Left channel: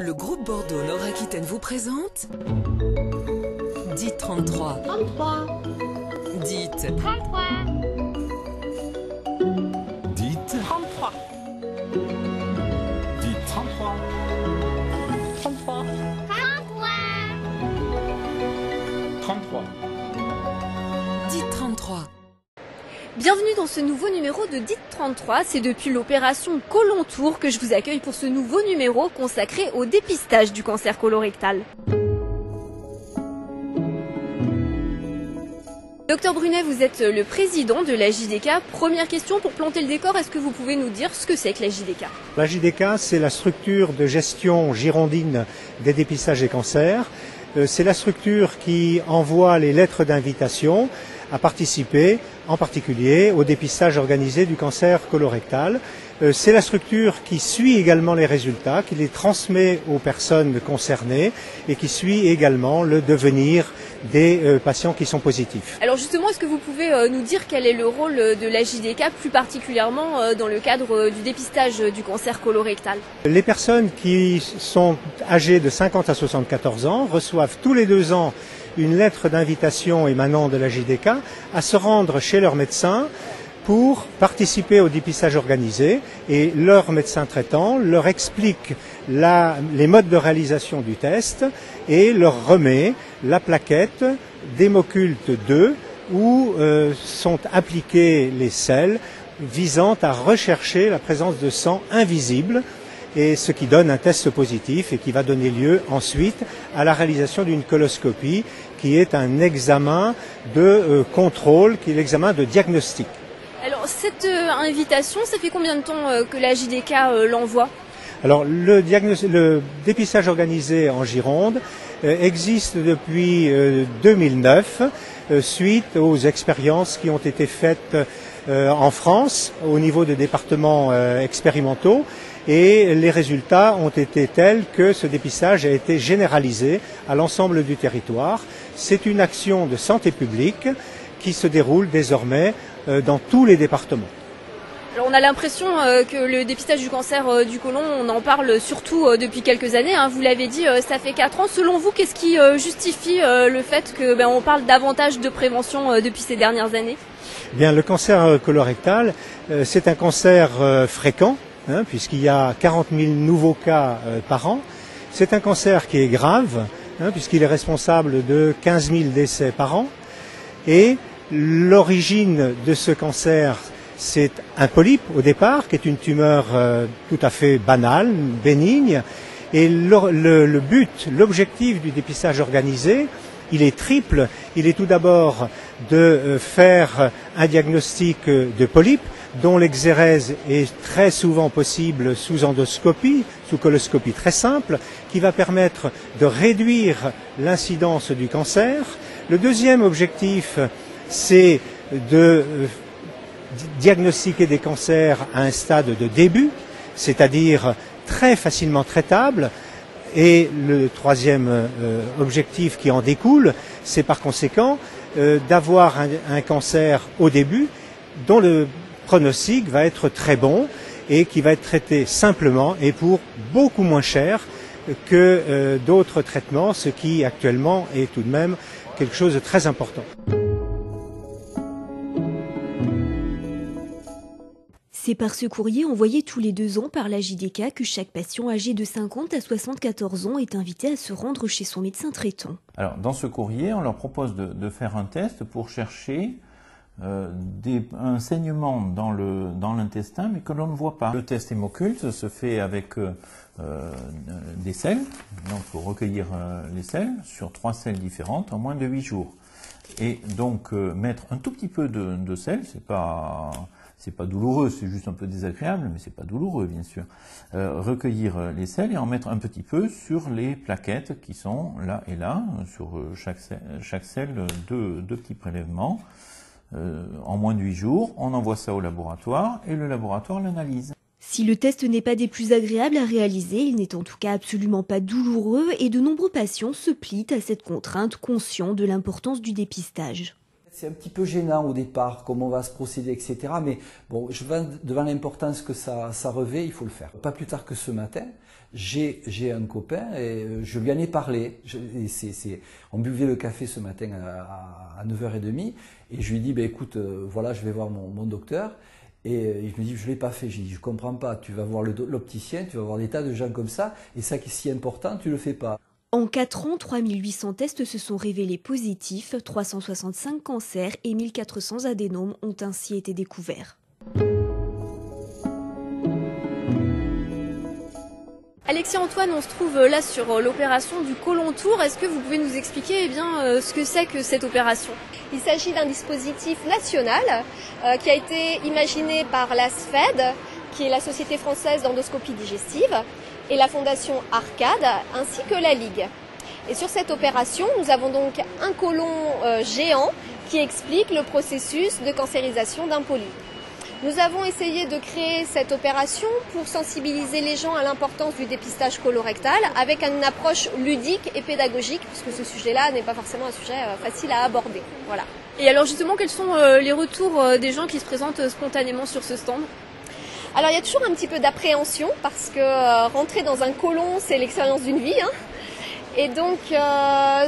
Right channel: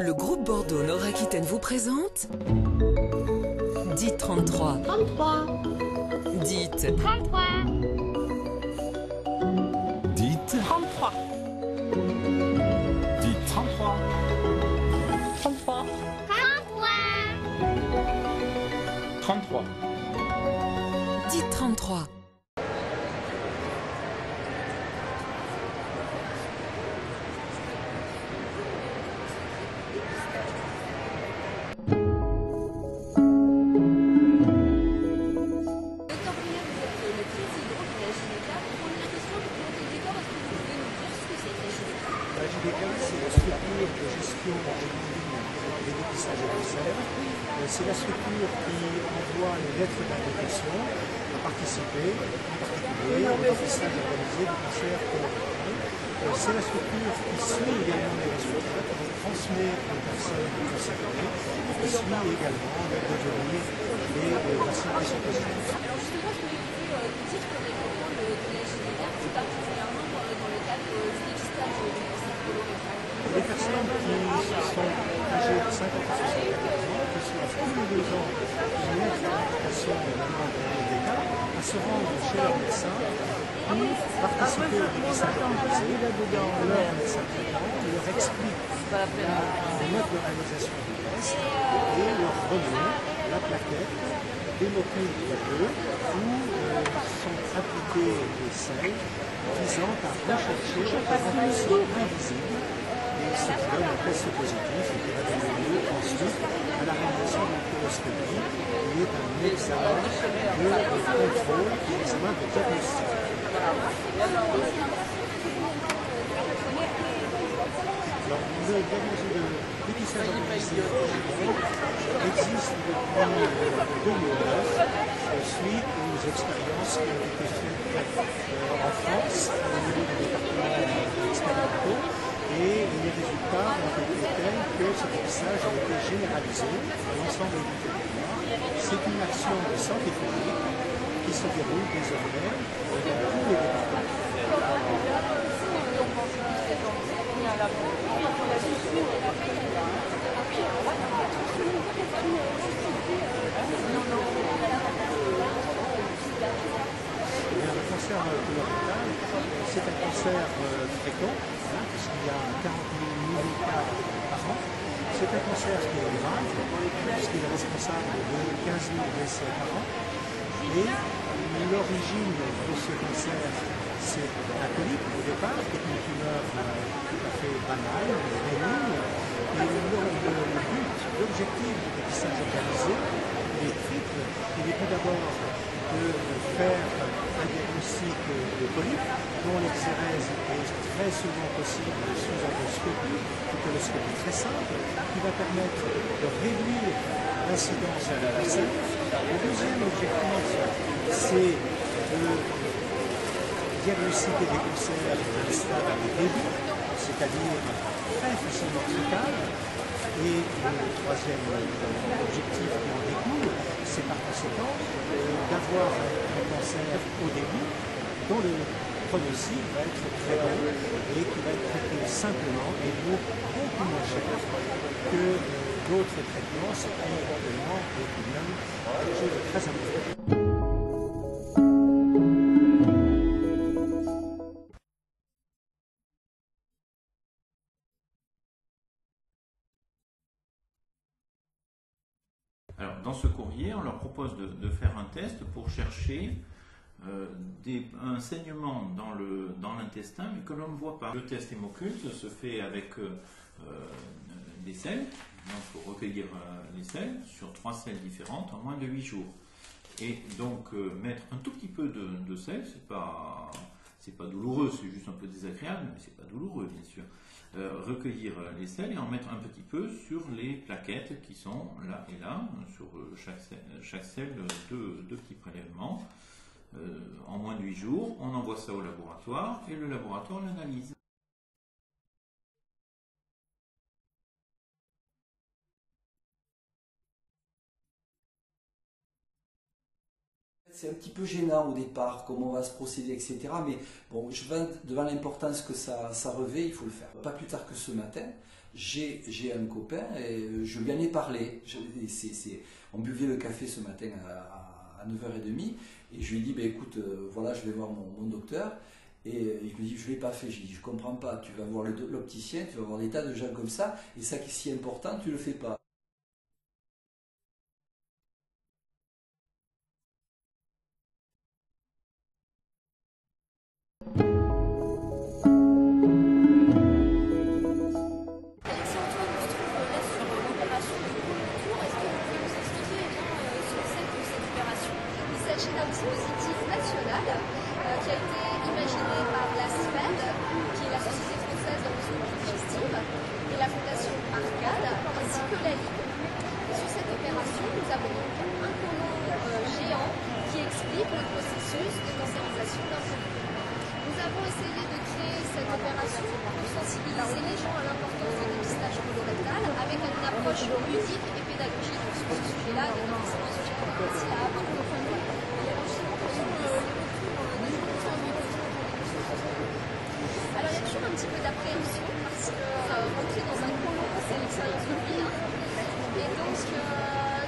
Le groupe Bordeaux Nord-Aquitaine vous présente Dites 33. 33. Dites 33. Dites 33. Dites 33. 33. 33. Dites 33. Bienvenue dans ce nouveau numéro de Dites 33, c'est depuis l'opération Colontour que je vous accueille pour ce nouveau numéro consacré au dépistage du cancer colorectal. Docteur Brunet, vous êtes le président de la JDK. Première question pour planter le décor, est-ce que vous pouvez nous dire ce que c'est que la JDK? La JDK, c'est la structure de gestion girondine des dépistages des cancers. C'est la structure qui envoie les lettres d'invitation à participer en particulier au dépistage organisé du cancer colorectal. C'est la structure qui suit également les résultats, qui les transmet aux personnes concernées et qui suit également le devenir des patients qui sont positifs. Alors justement, est-ce que vous pouvez nous dire quel est le rôle de la JDK, plus particulièrement dans le cadre du dépistage du cancer colorectal? Les personnes qui sont âgées de 50 à 74 ans reçoivent tous les 2 ans une lettre d'invitation émanant de la JDK à se rendre chez leur médecin pour participer au dépistage organisé, et leur médecin traitant leur explique les modes de réalisation du test et leur remet la plaquette d'Hémoculte 2 où sont appliqués les sels visant à rechercher la présence de sang invisible, et ce qui donne un test positif et qui va donner lieu ensuite à la réalisation d'une coloscopie qui est un examen de contrôle, qui est l'examen de diagnostic. Alors cette invitation, ça fait combien de temps que la JDK l'envoie? Alors le dépistage organisé en Gironde existe depuis 2009 suite aux expériences qui ont été faites en France au niveau des départements expérimentaux, et les résultats ont été tels que ce dépistage a été généralisé à l'ensemble du territoire. C'est une action de santé publique qui se déroule désormais dans tous les départements. On a l'impression que le dépistage du cancer du côlon, on en parle surtout depuis quelques années. Vous l'avez dit, ça fait 4 ans. Selon vous, qu'est-ce qui justifie le fait qu'on parle davantage de prévention depuis ces dernières années? Eh bien, le cancer colorectal, c'est un cancer fréquent, puisqu'il y a 40 000 nouveaux cas par an. C'est un cancer qui est grave, puisqu'il est responsable de 15 000 décès par an. Et l'origine de ce cancer, c'est un polype au départ, qui est une tumeur tout à fait banale, bénigne. Et le but, l'objectif du dépistage organisé, il est triple. Il est tout d'abord de faire un diagnostic de polype, dont l'exérèse est très souvent possible sous endoscopie, sous coloscopie très simple, qui va permettre de réduire l'incidence du cancer. Le deuxième objectif, c'est de diagnostiquer des cancers à un stade de début, c'est-à-dire très facilement traitable. Et le troisième objectif qui en découle, c'est par conséquent d'avoir un cancer au début dont le pronostic va être très bon et qui va être traité simplement et pour beaucoup moins cher que d'autres traitements, ce qui actuellement est tout de même quelque chose de très important. C'est par ce courrier envoyé tous les 2 ans par la JDK que chaque patient âgé de 50 à 74 ans est invité à se rendre chez son médecin traitant. Alors, dans ce courrier, on leur propose de faire un test pour chercher un saignement dans l'intestin, mais que l'on ne voit pas. Le test Hémoculte se fait avec des selles, donc il faut recueillir les selles sur 3 selles différentes en moins de 8 jours. Et donc mettre un tout petit peu de sel, c'est pas douloureux, c'est juste un peu désagréable, mais c'est pas douloureux bien sûr. Recueillir les selles et en mettre un petit peu sur les plaquettes qui sont là et là, sur chaque selle, deux petits prélèvements. En moins de 8 jours, on envoie ça au laboratoire et le laboratoire l'analyse. Si le test n'est pas des plus agréables à réaliser, il n'est en tout cas absolument pas douloureux et de nombreux patients se plient à cette contrainte, conscients de l'importance du dépistage. C'est un petit peu gênant au départ, comment on va se procéder, etc. Mais bon, devant l'importance que ça revêt, il faut le faire. Pas plus tard que ce matin, J'ai un copain et je lui en ai parlé. On buvait le café ce matin à 9h30 et je lui ai dit, écoute, voilà, je vais voir mon docteur. Et je me dis, je ne l'ai pas fait. J'ai dit, je ne comprends pas. Tu vas voir l'opticien, tu vas voir des tas de gens comme ça et ça qui est si important, tu ne le fais pas. En 4 ans, 3800 tests se sont révélés positifs, 365 cancers et 1400 adénomes ont ainsi été découverts. Alexis Antoine, on se trouve là sur l'opération du côlon tour. Est-ce que vous pouvez nous expliquer ce que c'est que cette opération? Il s'agit d'un dispositif national qui a été imaginé par la SFED, qui est la Société française d'endoscopie digestive, et la Fondation Arcade, ainsi que la Ligue. Et sur cette opération, nous avons donc un côlon géant qui explique le processus de cancérisation d'un polype. Nous avons essayé de créer cette opération pour sensibiliser les gens à l'importance du dépistage colorectal avec une approche ludique et pédagogique, puisque ce sujet-là n'est pas forcément un sujet facile à aborder. Voilà. Et alors justement, quels sont les retours des gens qui se présentent spontanément sur ce stand? Alors il y a toujours un petit peu d'appréhension parce que rentrer dans un côlon, c'est l'expérience d'une vie. Et donc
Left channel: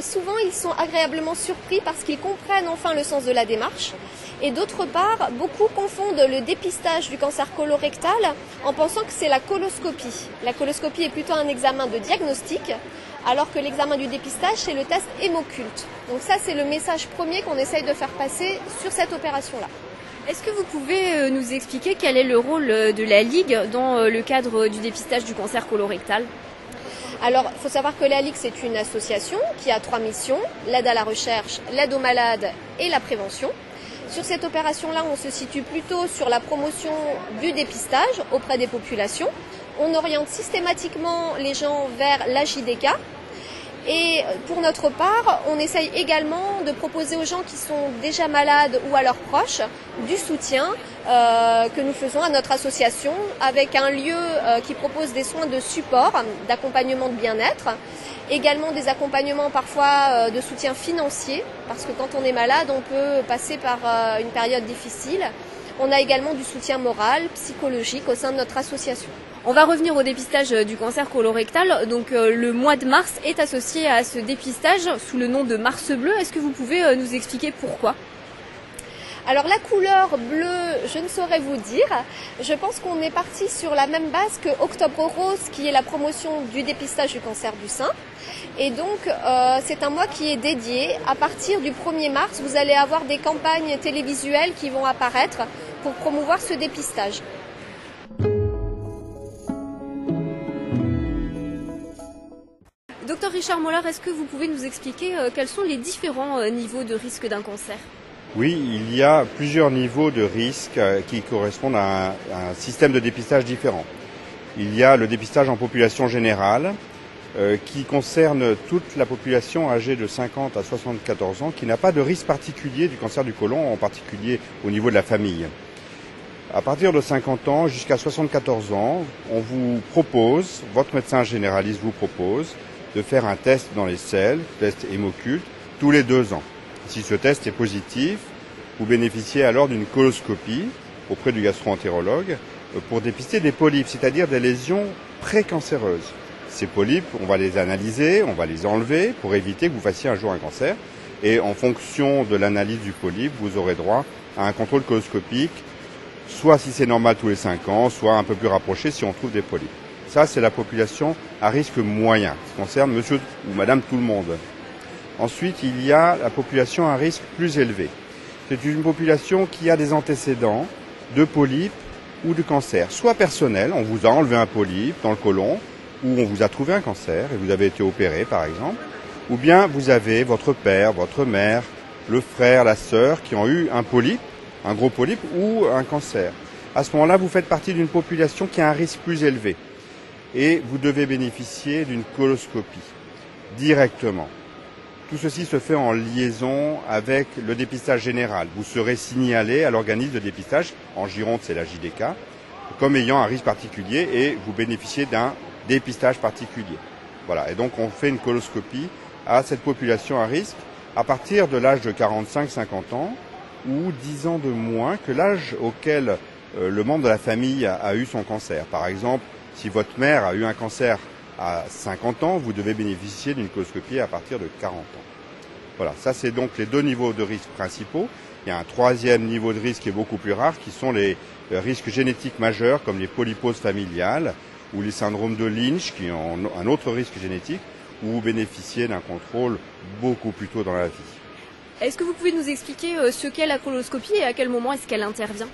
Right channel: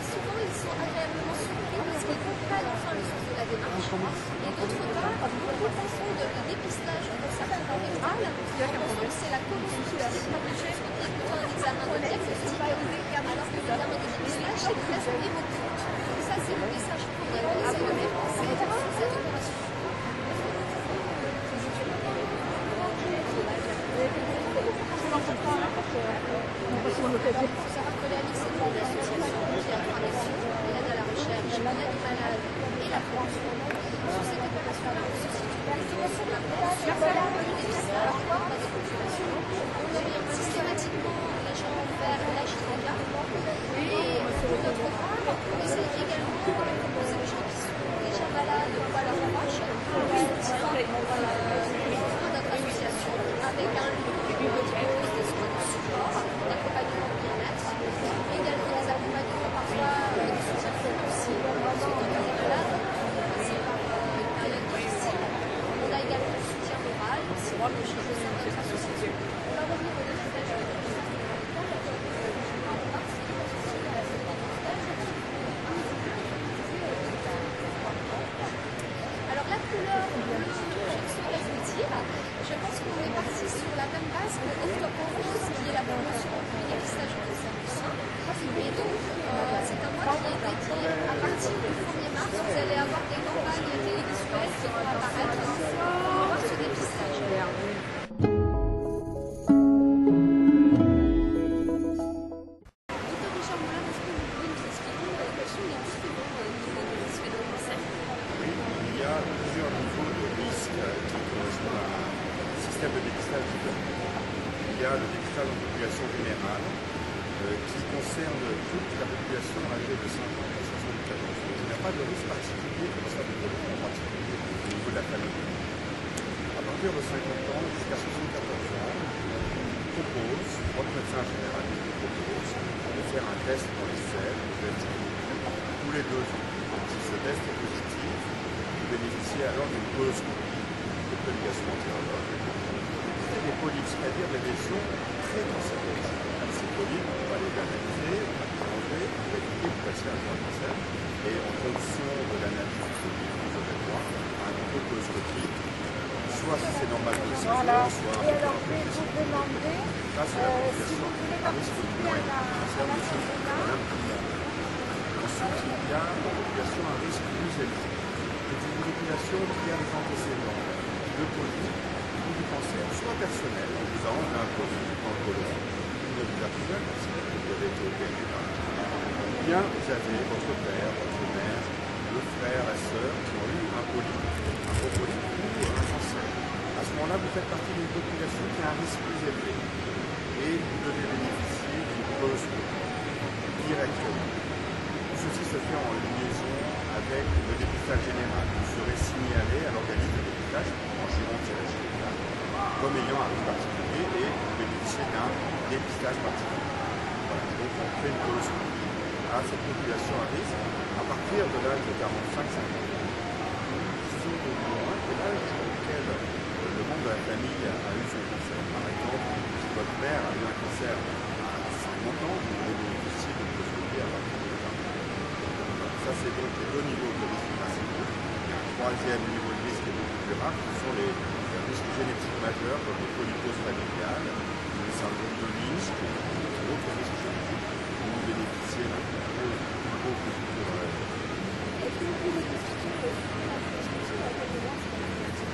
souvent ils sont agréablement surpris parce qu'ils comprennent enfin le sens de la démarche. Et d'autre part, beaucoup confondent le dépistage du cancer colorectal en pensant que c'est la coloscopie. La coloscopie est plutôt un examen de diagnostic, alors que l'examen du dépistage, c'est le test hémoculte. Donc ça, c'est le message premier qu'on essaye de faire passer sur cette opération-là. Est-ce que vous pouvez nous expliquer quel est le rôle de la Ligue dans le cadre du dépistage du cancer colorectal? Alors, il faut savoir que la Ligue, c'est une association qui a 3 missions, l'aide à la recherche, l'aide aux malades et la prévention. Sur cette opération-là, on se situe plutôt sur la promotion du dépistage auprès des populations. On oriente systématiquement les gens vers la JDK. Et pour notre part, on essaye également de proposer aux gens qui sont déjà malades ou à leurs proches du soutien que nous faisons à notre association avec un lieu qui propose des soins de support, d'accompagnement de bien-être, également des accompagnements parfois de soutien financier, parce que quand on est malade, on peut passer par une période difficile. On a également du soutien moral, psychologique au sein de notre association. On va revenir au dépistage du cancer colorectal. Donc le mois de mars est associé à ce dépistage sous le nom de Mars Bleu. Est-ce que vous pouvez nous expliquer pourquoi? Alors la couleur bleue, je ne saurais vous dire. Je pense qu'on est parti sur la même base que Octobre Rose, qui est la promotion du dépistage du cancer du sein. Et donc c'est un mois qui est dédié. À partir du 1er mars, vous allez avoir des campagnes télévisuelles qui vont apparaître pour promouvoir ce dépistage. Docteur Richard Mollard, est-ce que vous pouvez nous expliquer quels sont les différents niveaux de risque d'un cancer? Oui, il y a plusieurs niveaux de risque qui correspondent à un système de dépistage différent. Il y a le dépistage en population générale qui concerne toute la population âgée de 50 à 74 ans qui n'a pas de risque particulier du cancer du côlon, en particulier au niveau de la famille. À partir de 50 ans jusqu'à 74 ans, on vous propose, votre médecin généraliste vous propose de faire un test dans les selles, test hémoculte, tous les 2 ans. Si ce test est positif, vous bénéficiez alors d'une coloscopie auprès du gastro-entérologue pour dépister des polypes, c'est-à-dire des lésions précancéreuses. Ces polypes, on va les analyser, on va les enlever pour éviter que vous fassiez un jour un cancer. Et en fonction de l'analyse du polype, vous aurez droit à un contrôle coloscopique, soit si c'est normal tous les 5 ans, soit un peu plus rapproché si on trouve des polypes. Ça, c'est la population à risque moyen, qui concerne monsieur ou madame tout le monde. Ensuite, il y a la population à risque plus élevé. C'est une population qui a des antécédents de polypes ou de cancer, soit personnel, on vous a enlevé un polype dans le côlon, ou on vous a trouvé un cancer et vous avez été opéré par exemple, ou bien vous avez votre père, votre mère, le frère, la sœur qui ont eu un polype, un gros polype ou un cancer. À ce moment-là, vous faites partie d'une population qui a un risque plus élevé et vous devez bénéficier d'une coloscopie directement. Tout ceci se fait en liaison avec le dépistage général. Vous serez signalé à l'organisme de dépistage, en Gironde c'est la JDK, comme ayant un risque particulier et vous bénéficiez d'un dépistage particulier. Voilà, et donc on fait une coloscopie à cette population à risque à partir de l'âge de 45-50 ans ou 10 ans de moins que l'âge auquel le membre de la famille a eu son cancer. Par exemple, si votre mère a eu un cancer à 50 ans, vous devez bénéficier d'une coloscopie à partir de 40 ans. Voilà, ça c'est donc les deux niveaux de risque principaux. Il y a un troisième niveau de risque qui est beaucoup plus rare, qui sont les risques génétiques majeurs, comme les polyposes familiales ou les syndromes de Lynch, qui ont un autre risque génétique, où vous bénéficiez d'un contrôle beaucoup plus tôt dans la vie. Est-ce que vous pouvez nous expliquer ce qu'est la coloscopie et à quel moment est-ce qu'elle intervient?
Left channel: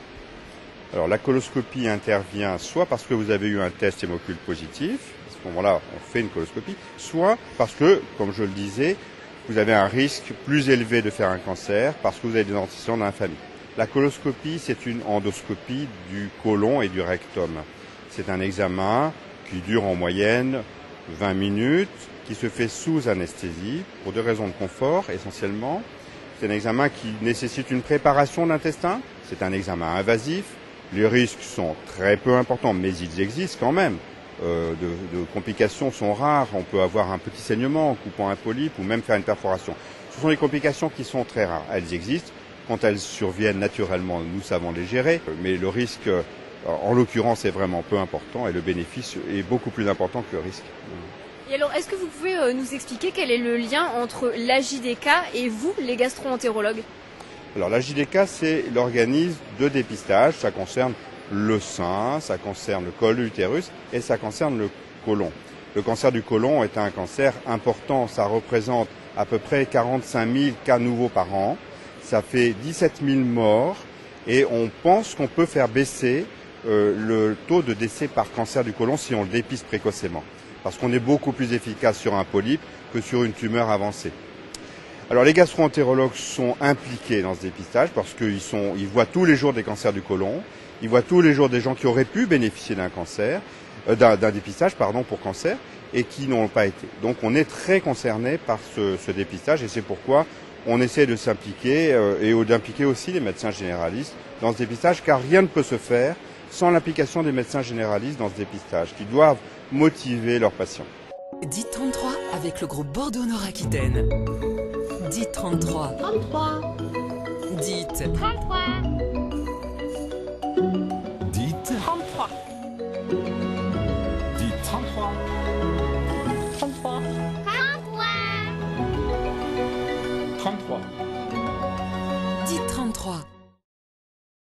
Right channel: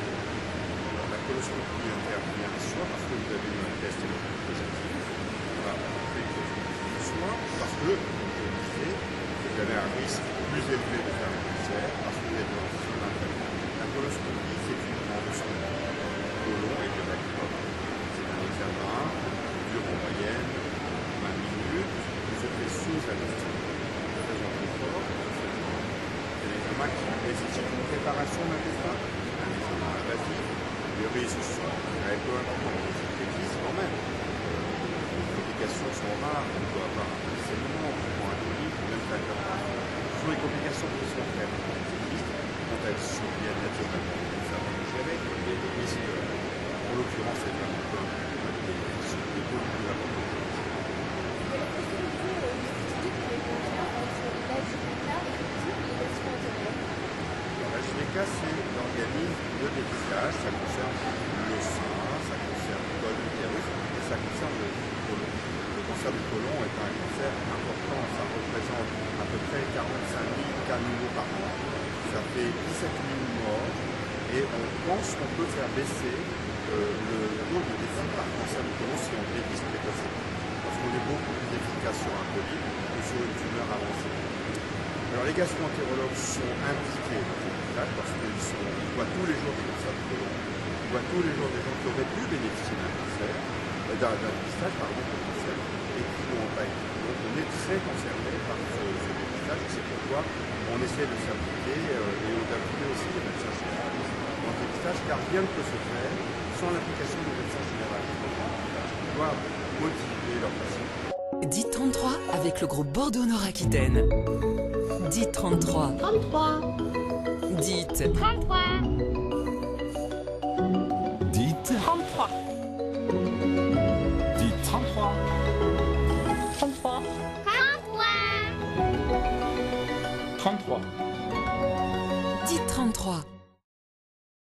Alors la coloscopie intervient soit parce que vous avez eu un test hémoculte positif, à ce moment-là on fait une coloscopie, soit parce que, comme je le disais, vous avez un risque plus élevé de faire un cancer parce que vous avez des antécédents dans la famille. La coloscopie, c'est une endoscopie du côlon et du rectum. C'est un examen qui dure en moyenne 20 minutes, qui se fait sous anesthésie pour deux raisons de confort essentiellement. C'est un examen qui nécessite une préparation d'intestin, c'est un examen invasif. Les risques sont très peu importants, mais ils existent quand même. De complications sont rares, on peut avoir un petit saignement en coupant un polype ou même faire une perforation. Ce sont des complications qui sont très rares, elles existent. Quand elles surviennent naturellement, nous savons les gérer, mais le risque, en l'occurrence, est vraiment peu important et le bénéfice est beaucoup plus important que le risque. Et alors, est-ce que vous pouvez nous expliquer quel est le lien entre l'AJDK et vous, les gastro-entérologues? Alors la JDK, c'est l'organisme de dépistage, ça concerne le sein, ça concerne le col de l'utérus et ça concerne le côlon. Le cancer du côlon est un cancer important, ça représente à peu près 45 000 cas nouveaux par an, ça fait 17 000 morts et on pense qu'on peut faire baisser le taux de décès par cancer du côlon si on le dépiste précocement, parce qu'on est beaucoup plus efficace sur un polype que sur une tumeur avancée. Alors les gastro-entérologues sont impliqués dans ce dépistage parce qu'ils voient tous les jours des cancers du côlon, ils voient tous les jours des gens qui auraient pu bénéficier d'un dépistage pour cancer et qui n'ont pas été. Donc on est très concerné par ce dépistage et c'est pourquoi on essaie de s'impliquer et d'impliquer aussi les médecins généralistes dans ce dépistage, car rien ne peut se faire sans l'implication des médecins généralistes dans ce dépistage, qui doivent motiver leurs patients. Dites 33 avec le groupe Bordeaux-Nord-Aquitaine. Dites 33. 33. Dites 33. Dites 33. Dites 33. 33. 33. Dites 33.